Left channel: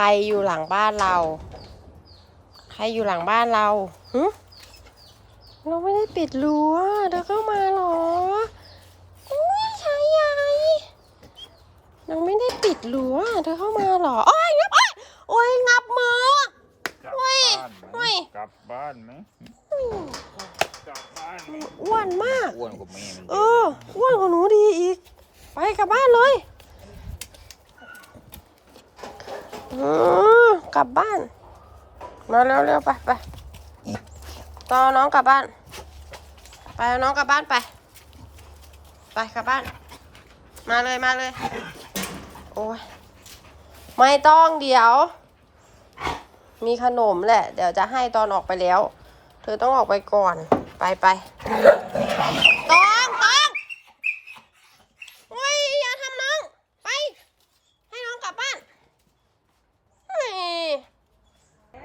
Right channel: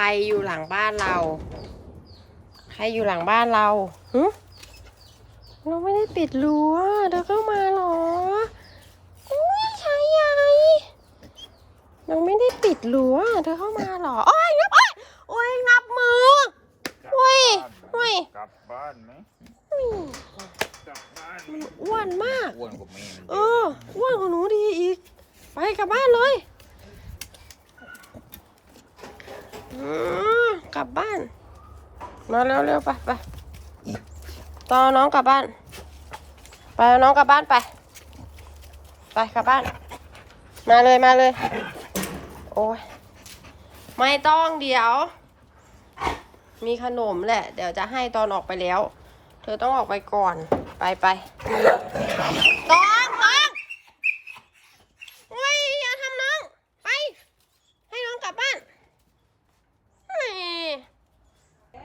รอยู่หลังบ้านเรา ใครอยู่หลังบ้านเราหึเราไม่ได้ปิดรั้วเธอเข้ามาเหรออุ้ยชายใหญ่เราไม่ได้ปิดรั้วเธอเข้ามาเหรอโอ้ยงับโอ้ยโอ้ยงับมือกลับเฮ้ยบ้านไหมเฮ้ย กลับบ้านไหมอืมกลับบ้านไหมมันอ้วนมาก อ้วนกว่าแม่มันเอออ้วนกว่าหนูดีอีก ไปกลับบ้านเลยอืม กลับบ้าน มาเร็วๆไปไปตอนน้องกลับบ้าน ไปน้องกลับบ้านไป ไปกลับบ้าน มาเลยมาเลย โอ้ยไม่ต้องเดี๋ยว มีขนมแหละ เดี๋ยวจะให้ตอนออกไปแล้ว เธอต้องออกไปก่อน ไปไปตองตองโอ้ยอย่าทำน้อง ไป ให้น้องกลับบ้านแหม่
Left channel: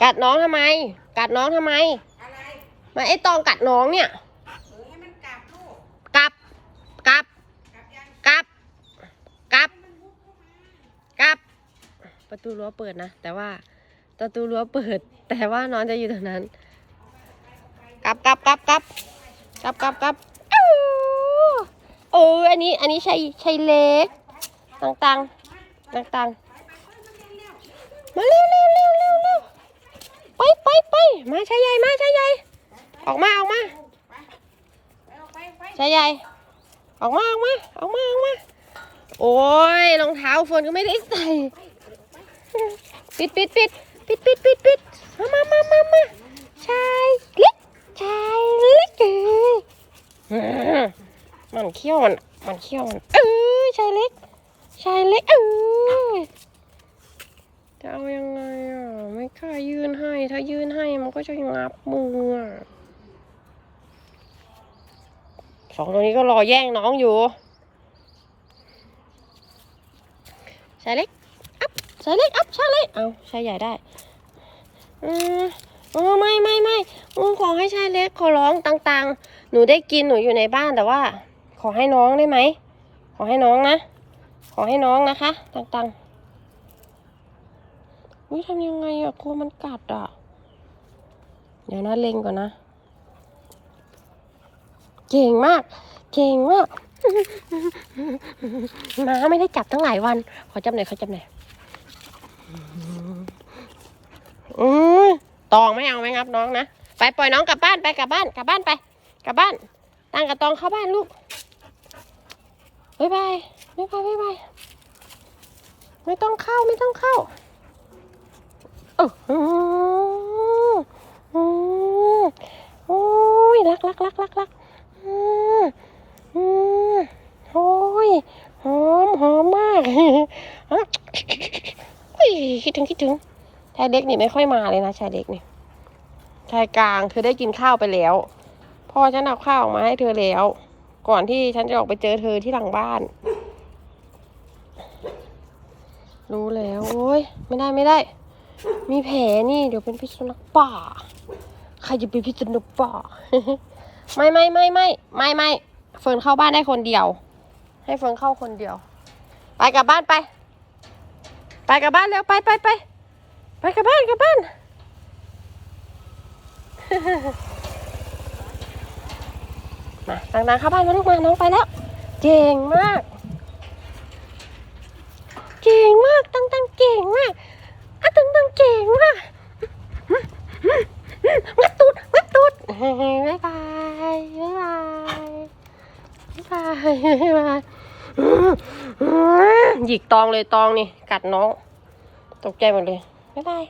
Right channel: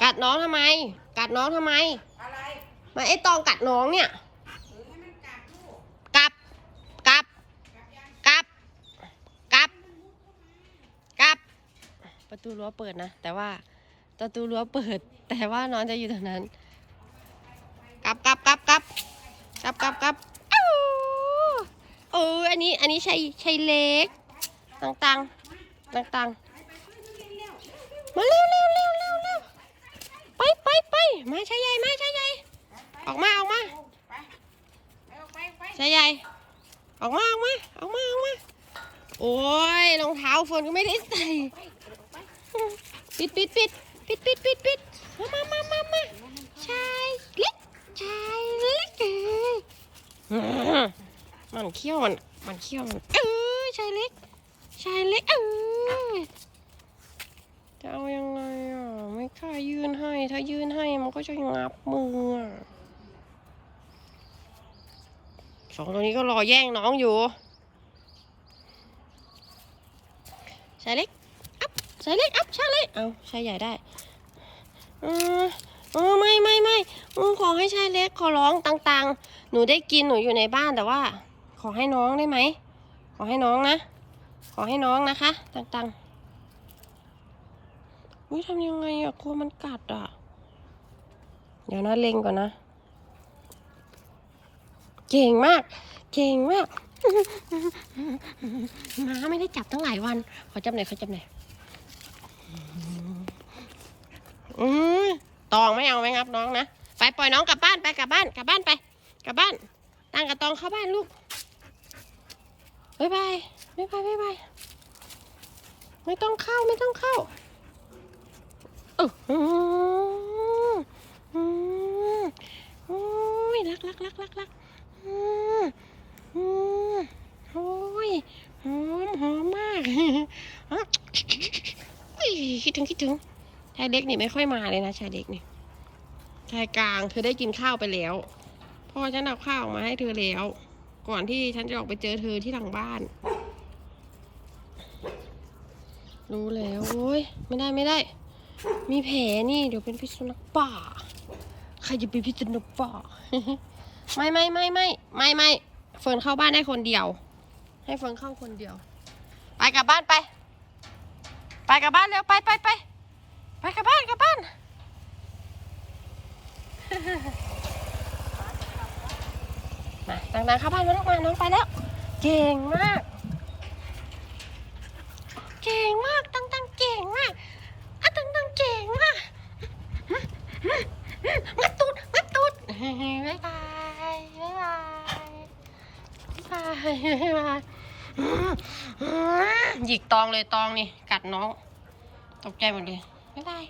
กัดน้องทำไม กัดน้องทำไมมาไอ้ตองกัดน้องเนี่ยกลับ กลับกลับ กลับ กลับ ประตูรั้วเปิดนะ แต่ว่าประตูรั้วเปิด แต่ว่าน้องจะอยู่ตรงนั้น กลับกลับกลับกลับกลับกลับกลับอ้าวเอออันนี้ อันนี้ใช่ใช่เล็ก ต่างต่างๆมาเร็วเร็วเร็วเร็วเร็ว ไปไปไปมาชายใหญ่มาชายใหญ่ออกมาออกมาชายใหญ่ออกมาออกมาออกมาออกมาโอ้ยรองเท้าเฟิร์นก็ไม่ได้ใส่ปิดปิดปิดปิดปิดปิดปิดมามามามามาชายเล็กชายเล็กเออมันเขี้ยวมันมันเขี้ยวมันเออชายเล็กชายเล็กเออจะเอายังไงอะไม่กล้ายื่ ถ้ายื่นให้มันก็จะงับมือสองตัวนี้ก็รอแย่งน้องอยู่ชายเล็ก อัพชายเล็ก อัพชายเล็ก เอาชายใหญ่ได้อือไม่ไม่ไม่ขอให้ชายเล็กขอร้องต่างๆ หนูได้กินหนูอยู่ในบ้านแต่ว่า ขอให้น้องได้ไหม ขอให้น้องนะ ขอให้น้องนะคะ ต่างๆ อุ้ยทำยังไงอะกลัวมันกัดอะเดี๋ยวนะเล็งก่อนนะ เก่งมาก เก่งมากน้าไม่ได้จับตั้งหลายวัน ขอจับหน่อยขอจับหน่อยอืมตองไม่เอาไหมครับน้องนะ ไปปล่อยน้องกลับบ้านไปกลับบ้านกลับบ้านไปกลับบ้านตั้งกับตองเข้าบ้านลูกบ๊ายบายบ๊ายบายบ๊ายบายไม่ต้องเข้าไม่ต้องเข้า โอ้ยรักรักรักรักรักอืมอืมโอ้ยหอมหอมมากฮะคิดถึงคิดถึงชายเล็กนี่ไม่ค่อยมาเลยนะชายเล็กนี่ชายกลางคือได้กินข้าวไปแล้ว พ่อฉันเอาข้าวออกมาให้เธอแล้ว ก่อนที่ฉันจะออกไปเจอเธอที่หลังบ้าน รู้แล้วโอ้ยไม่ได้ไม่ได้ มีแผลนี่เดี๋ยวเป็นพิษสุนัขป่า ใครจะเป็นพิษสุนัขป่า ไม่ไม่ไม่ไม่ไม่ไม่เฟิร์นเข้าบ้านได้คนเดียว ให้เฟิร์นเข้าคนเดียว ไปกลับบ้านไป ไปกลับบ้านแล้วไปไปไปไปกลับบ้านกลับบ้านมาต่างๆเข้าบ้านมาลูกมาน้องไปแล้ว เก่งมาก เก่งมากต่างๆเก่งมากอะต่างๆเก่งมากงัดตูดงัดตูดบ๊ายบายบ๊ายบายบ๊ายบายบ๊ายบาย หยิกตองเลยตองนี่ กัดน้อง ตกใจหมดเลย บ๊ายบาย